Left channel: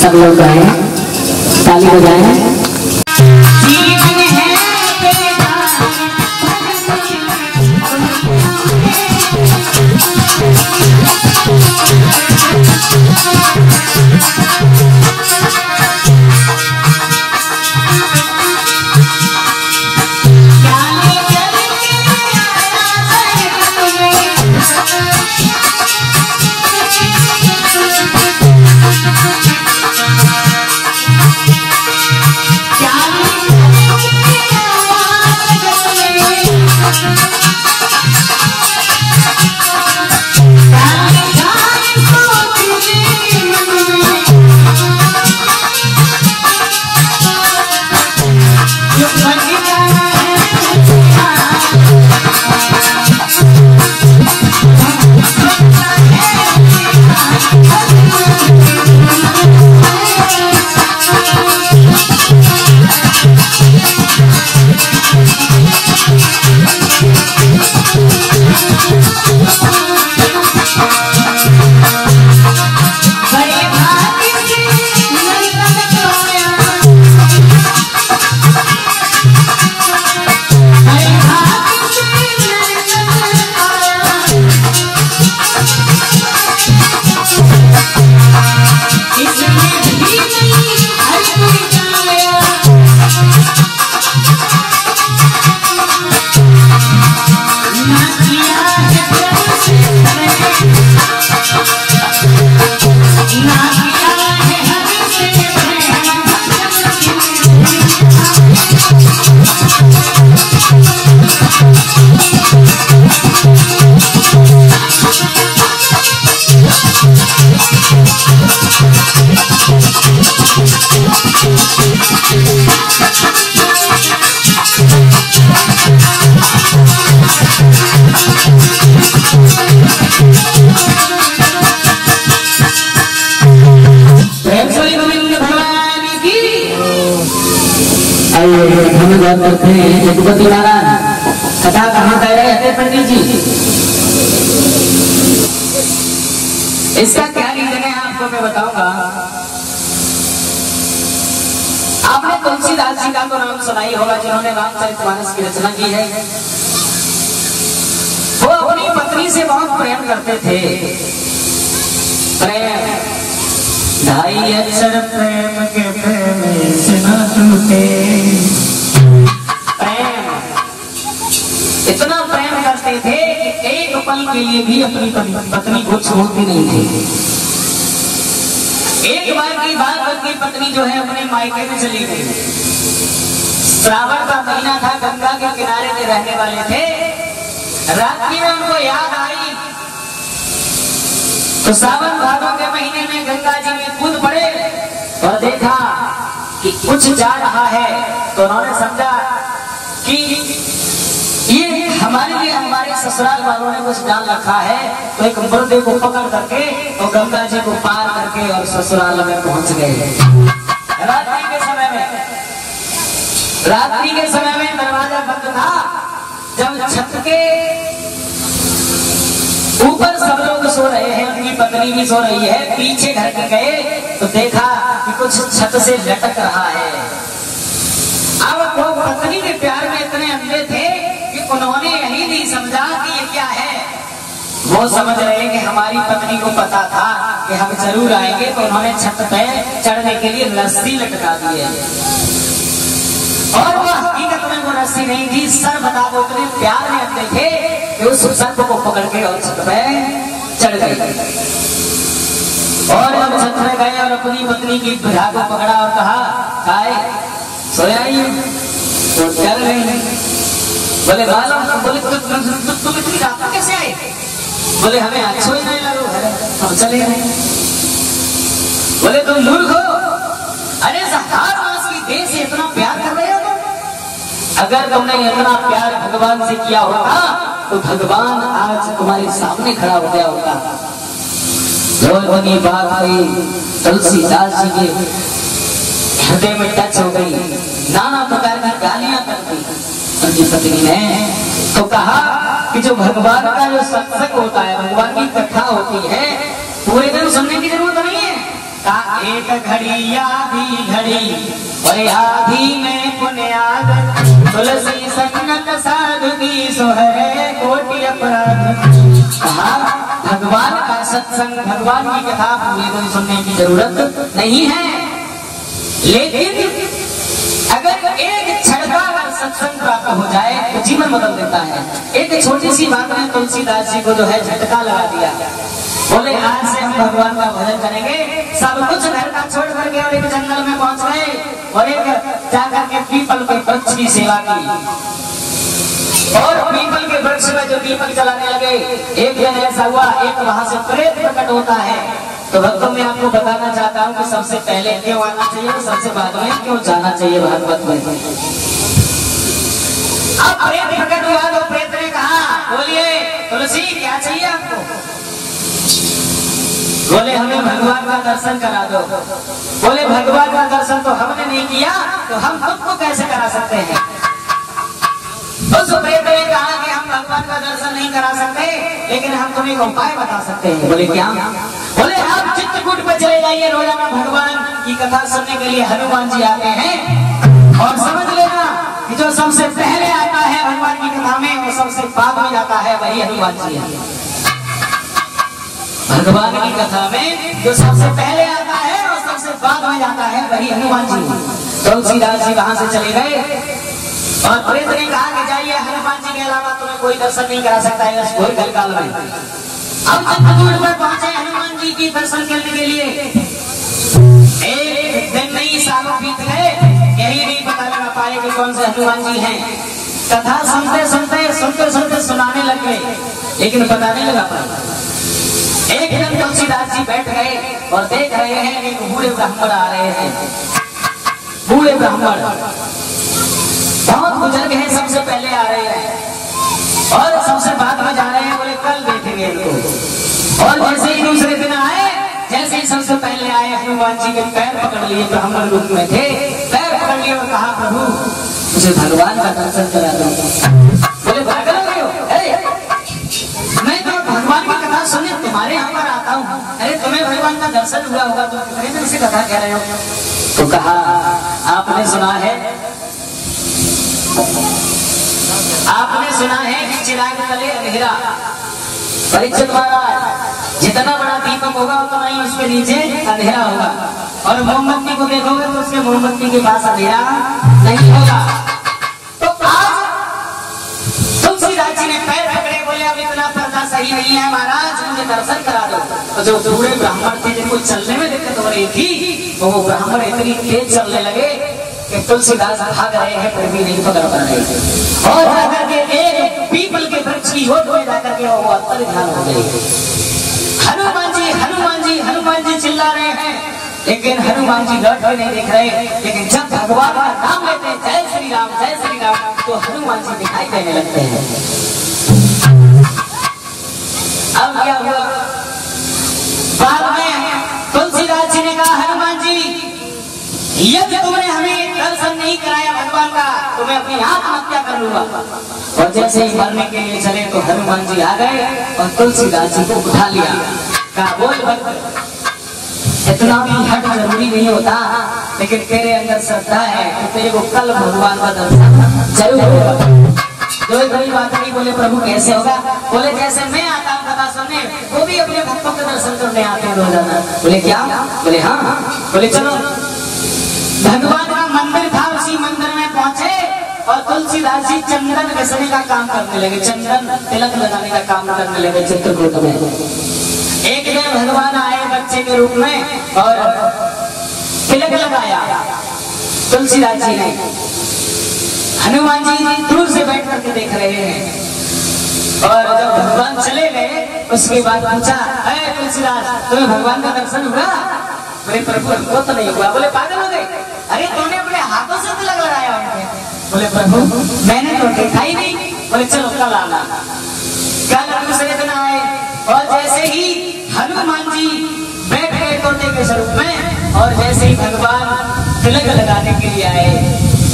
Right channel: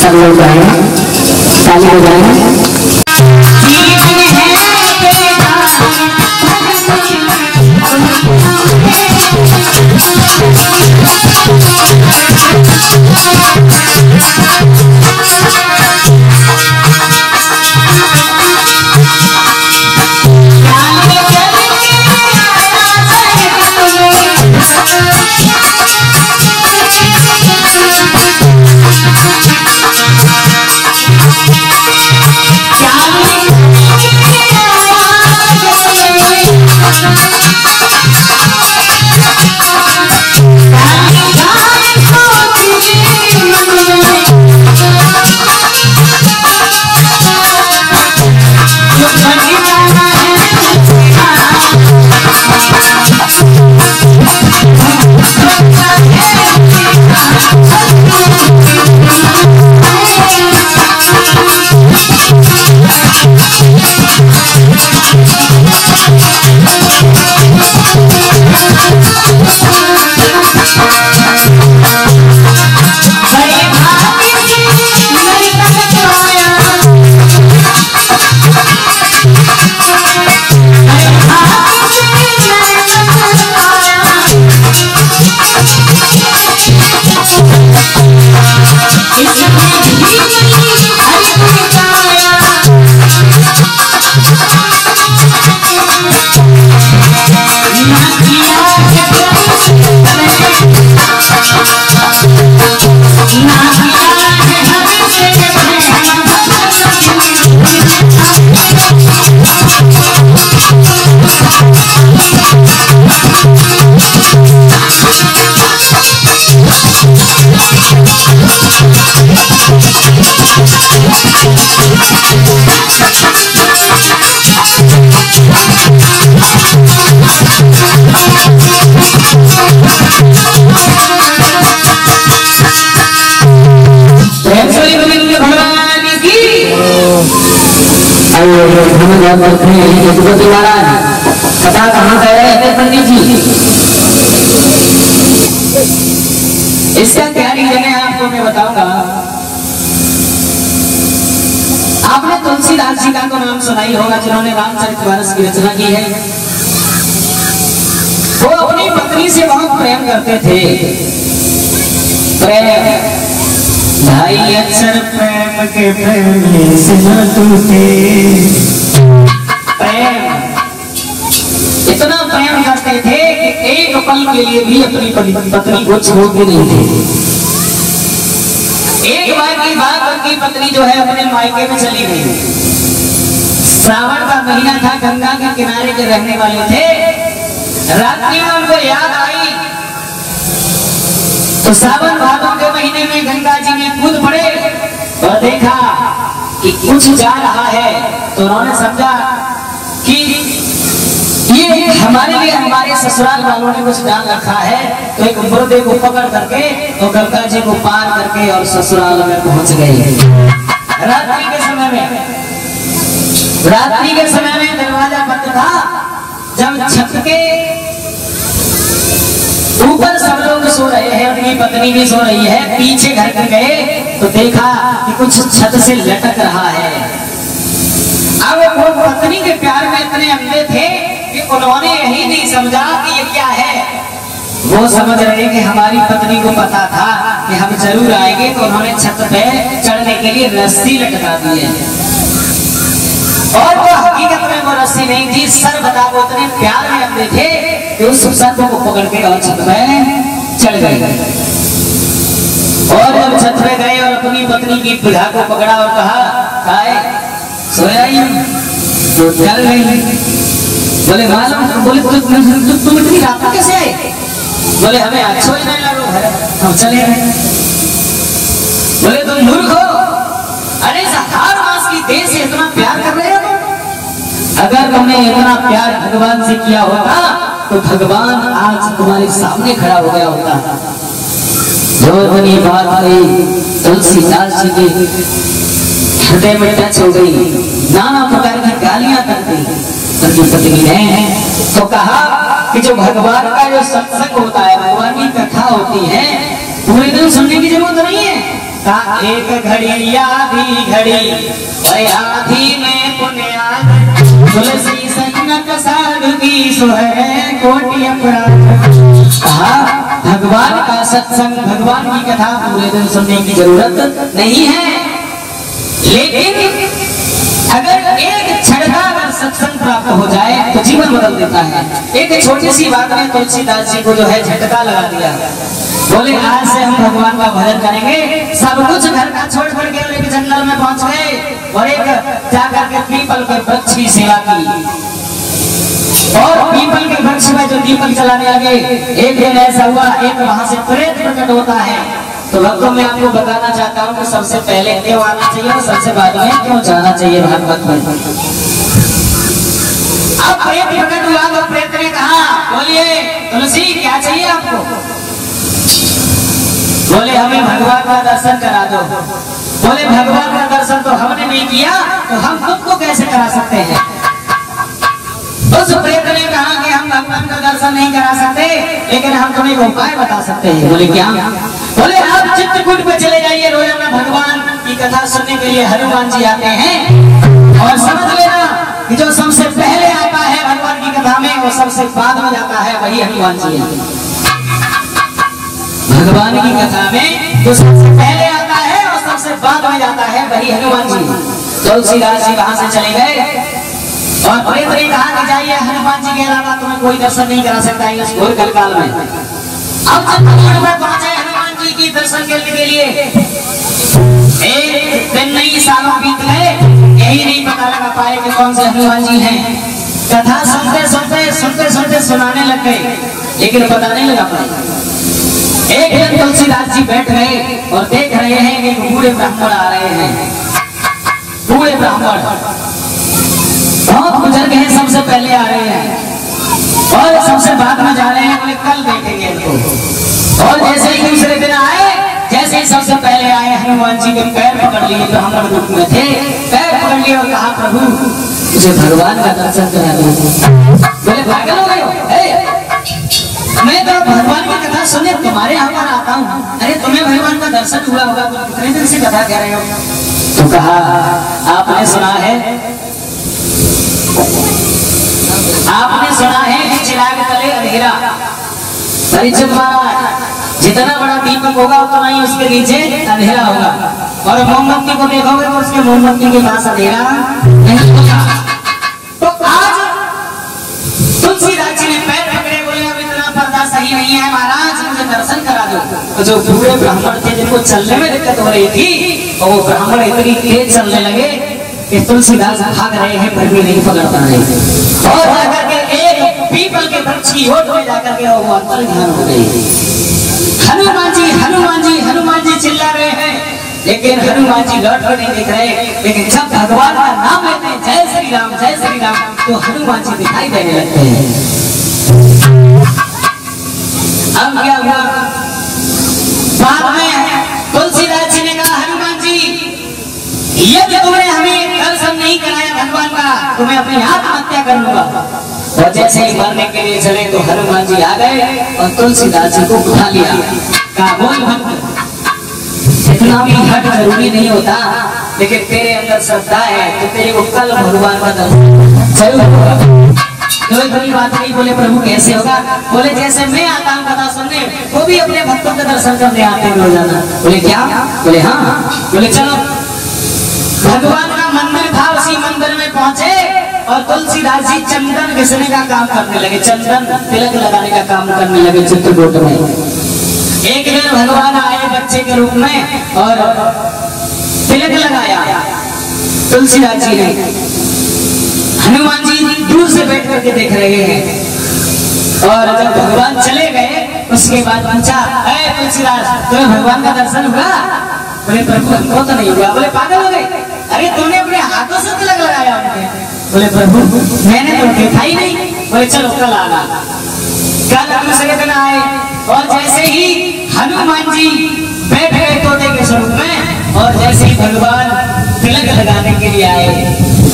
सब लोग गाएं, ताली बजाएं। जगपति महाराज कथा कहाँ कह रहे थे पंडित जी? इसका क्या रीजन है आपको मैं बताऊंगा। आपने तुलसीदास जी का तो नाम सुना ही होगा, जिन्होंने रामचरितमानस की रचना की है। वो अपनी पत्नी से बहुत प्रेम करते थे। प्रेम भाई अक्षर प्रेम के प्रेम से न टूटे। इतना प्रेम करते थे कि एक पल के लिए भी अपनी पत्नी को छोड़ते नहीं थे। एक बार की बात, उनकी पत्नी जो है अपने मायके में चली गई। श्रावण का महीना था, गंगा के किनारे के रहने वाले थे। रात्रि में उनको याद आई तो सावन भादों के महीने में गंगा जी में कूद पड़े और देखा कि कुछ जा रहा है। तो उन्होंने समझा कि ये हमारे लिए हमारे ससुराल वालों ने कुछ डाल रखा है। तो एक मुर्दे को पकड़ करके और गंगा जी को पार करके और ससुराल में पहुंच गए। रात्रि के समय में दरवाजा बंद था। जब छत के ऊपर सब लोग सो रहे हैं, उनकी पत्नी भी सो रही है, पीछे घर के गए तो देखा कि कुछ छत से लटक रहा है। अब वो पत्नी के प्यार में इतने अंधे थे कि उन्होंने यही नहीं समझा कि ये क्या है। वो समझ रहे कि हमारी पत्नी को पता था कि हम जरूर आएंगे, तो उन्होंने छत पे चढ़ने के लिए रस्सी लटका दी है। और वो हकीकत में वो रस्सी नहीं थी, सर बता। वो इतने प्यार में अंधे थे कि उस सर्प को पकड़ के और छत पे चढ़ गए। और जब छत पे गए और अपनी पत्नी की बुझा को पकड़ा और कहा, खाए सोया ही तो चल गई। बोले मालूम? बोले तुम इतनी रात में कैसे आए? बोले हमें अच्छा ही नहीं लगा है, हम चले गए। बोले तुम मूर्ख हो, अरे 1000 मास की देह से इतना प्यार कर रहे हो। अगर तुमने इतना प्यार भगवान से किया होता तो भगवान आज तुम्हारे सामने खड़ा हो गया होता। जो बनी बात हुई तुलसीदास जी के हृदय में टच हो गई, नाना प्रकार की गालियां कर दी। उनकी पत्नी ने तो कहा कि जो भगवान का जो सत्संग होता है, भगवान की कथा होती है, पूरे दिन सुनने की जरूरत नहीं है। कहा एक घड़ी आधी घड़ी और आधी में पुण्याद तुलसी संगत साधुगी सो है कोटि अपराध। कहा भगवान का सत्संग, भगवान की कथा पूरे दिन सुनने की जरूरत नहीं है, लेकिन अगर एक क्षण का अगर सत्संग प्राप्त हो जाए तो जीवन बदल देता है। एक छोटी सी बात ने तुलसीदास जी को जो है झटका लगा दिया। बोले आज से हम भगवान का भजन करेंगे। सब कुछ घर का छोड़ करके और एक जंगल में पहुंच गए और एक जाकर के पीपल के वृक्ष की सेवा की और पीपल के वृक्ष में जो दीपक जलाने लगे। एक दिन ऐसा हुआ, एक वहां से प्रेत प्रकट होता है। तो भक्तों में आपको बताना चाहता हूँ कि सबसे पहले क्यों आना चाहिए और सबसे बाद में क्यों जाना चाहिए भागवत में। अब प्रेत प्रकट हुआ तो प्रेत ने कहा बोलिए तुलसी क्या चाहिए आपको? बोले हमें भगवान का दर्शन करा दो। बोले भगवान का दर्शन तो हमने नहीं किया तो हम तुमको कैसे करा सकते हैं? उस प्रेत ने कहा कि हम भगवान का दर्शन नहीं करा सकते, लेकिन हम तुम्हें एक उपाय बता सकते हैं। बोले क्या? बोले आप चित्रकूट पे चले जाइए, रोजाना भगवान की कथा सुनने के लिए हनुमान जी आते हैं और समझ लेना कि जो सबसे पहले आता है भगवान की कथा में वो सबसे बाद में जाता है वही हनुमान जी है। भगवान की कथा में जो सबसे पहले आता है और सबसे बाद में जाता है वही हनुमान जी। तुलसीदास जी वहां से चले गए और प्रेत ने कहा कि जाइए हनुमान जी के अलावा तुम्हें कोई दर्शन नहीं करा सकता है इस घोर कलकाल में। अब चित्रकूट में पहुंचे हनुमान जी की दर्शन करने के लिए। एक दिन नहीं सालों बीत गए, यही नहीं पता लगा पाए कि कौन से हनुमान जी हैं। कथा सुनते सुनते सुनाने लग गए, लेकिन पता नहीं लगा पाए। एक दिन तुलसीदास जी बैठ गए और देख रहे हैं कि बूढ़े ब्राह्मण आ रहे हैं। बूढ़े ब्राह्मण बहुत बुजुर्ग हैं, सबसे पहले आ रहे हैं और सबसे बाद में जा रहे हैं। बोले कल देखेंगे इनको। और जैसे ही दूसरे दिन आए, जैसे ही सबसे पहले आए हनुमान जी के पैर पकड़ लिए, ब्राह्मण रूप में थे, पैर पकड़ लिए और कहा प्रभु मुझे भगवान का दर्शन करा दो। बोले पागल हो गए हो? मैं तो भगवान की कथा सुनने तुम्हारे यहाँ पर आता हूँ। अरे तुम्हें भगवान का दर्शन हुआ होगा तो कितने दिन से कथा कह रहे हो? तो कहा आपने सुना है कि चिराग तले अंधेरा। परीक्षित महाराज जितना बड़ा दीपक होगा उतना ही उसके नीचे अंधेरा होगा, और मोमबत्ती को देखोगे तो उसके मोमबत्ती के पास अंधेरा नहीं होगा। तो आज तुलसीदास जी ने पैर पकड़े, बोले अब इतना पर्दा सही नहीं है महाराज, मुझे दर्शन करा दो। तो जो बूढ़े ब्राह्मण थे जिनको चलने में दिक्कत हो रही थी, और वो ब्राह्मण इतनी तेज चलने लगे कि तुलसीदास भाग रहे हैं फिर भी नहीं पकड़ पा रहे, और जाकर के एक पीपल के वृक्ष की ओट में जाकर के वो अंतर ध्यान हो गई। हनुमान जी हनुमान जी हनुमान जी चिल्ला रहे हैं, लेकिन हनुमान जी लौट कर नहीं दिख रहे। लेकिन जब भगवान का नाम लेते हैं जय श्री राम तो हनुमान जी दिखाई देने लगते हैं। अब क्या हुआ? बाद में तुलसीदास जी ने कहा हनुमान जी यदि तुमने हमें दर्शन नहीं कराया भगवान का, तुम्हें अपनी आत्महत्या कर लूंगा। और जैसे ही मरने के लिए चले तो हनुमान जी आ गए और तुलसीदास जी को उठा लिया। कहा बोल भक्त इतना भी हट जरूरी नहीं होता, लेकिन तेरे अंदर श्रद्धा है तो तेरे को कल भगवान का दर्शन जरूर होगा। कोई बड़ी बात नहीं। बोले प्रभु कैसे होगा? बोले जैसे मैं आता हूँ कथा सुनने, वो भी अपने भक्तों का दर्शन करने आते हैं रोजाना। बोले क्या? बोले हाँ। बोले चलो। भगवान का मंदिर था, उसी मंदिर में पहुंचे और तुलसीदास जी चंदन घिसने का काम करने लगे, चंदन तिलक लगाने का काम करने लगे चित्रकूट में। एक दिन भगवान आए बच्चे के रूप में और तिलक लगाया तुलसीदास जी ने। हनुमान जी दूर से बैठ करके देख रहे हैं, और जब भगवान चले गए उसके बाद पूछा तुलसीदास तुम्हें भगवान का दर्शन हुआ? बोले प्रभु हमको तो नहीं हुआ। बोले पागल हो गए? अरे तुमने अपने हाथों से तिलक लगाया उनके। बोले प्रभु मैंने तो देखा ही नहीं। बोले चलो कल आना। कल दूसरे दिन आए और जैसे ही हनुमान जी बैठ गए तोते के स्वरूप में, और जैसे ही भगवान तिलक लगाने के लिए आए,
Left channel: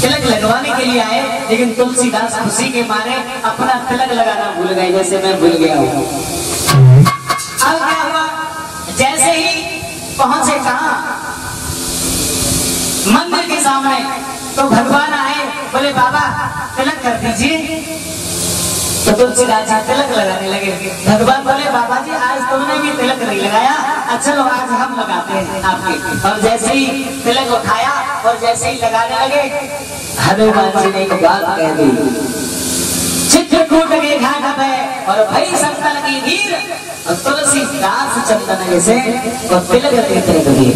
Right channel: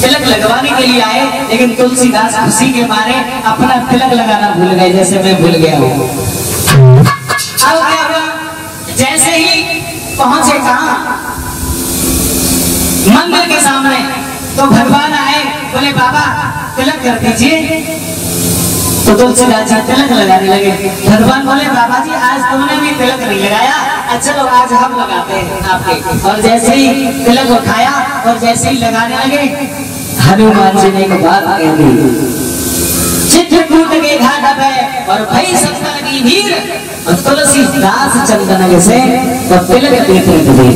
तिलक लगवाने के लिए आए, लेकिन तुलसीदास खुशी के मारे अपना तिलक लगाना भूल गए, जैसे मैं भूल गया हूँ। अब क्या हुआ? जैसे ही पहुंचे कहां? मंदिर के सामने। तो भगवान आए, बोले बाबा तिलक कर दीजिए। तो तुलसीदास जी तिलक लगाने लगे। भगवान बोले बाबा जी आज तुमने भी तिलक नहीं लगाया, अच्छा लो आज हम लगाते हैं आपके। और जैसे ही तिलक उठाया और जैसे ही लगाने लगे, हनुमान जी ने एक बात कह दी, चित्रकूट के घाट पे और भई सप्तल की भीड़, और तुलसीदास चंदन से वो तिलक देते लगे।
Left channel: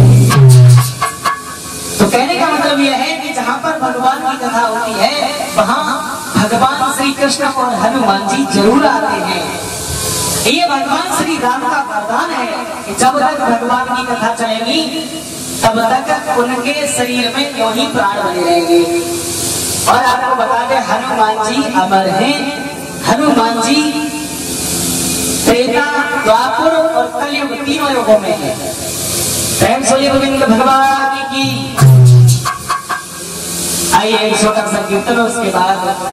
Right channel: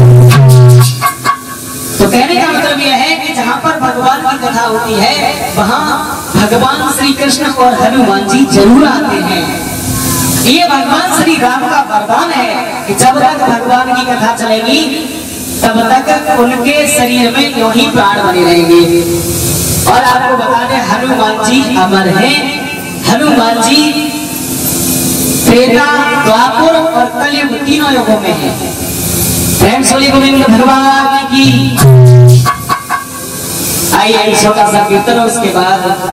तो कहने का मतलब यह है कि जहाँ पर भगवान की कथा होती है वहाँ भगवान श्री कृष्ण और हनुमान जी जरूर आते हैं। ये भगवान श्री राम का वरदान है कि जब तक भगवान की कथा चलेगी तब तक उनके शरीर में यूं ही प्राण बने रहेंगे। और आपको बता दें हनुमान जी अमर हैं। हनुमान जी त्रेता, द्वापर और कलयुग तीनों युगों में है। गोविंद भगवान की। आइए छोटा सा कीर्तन उसके बाद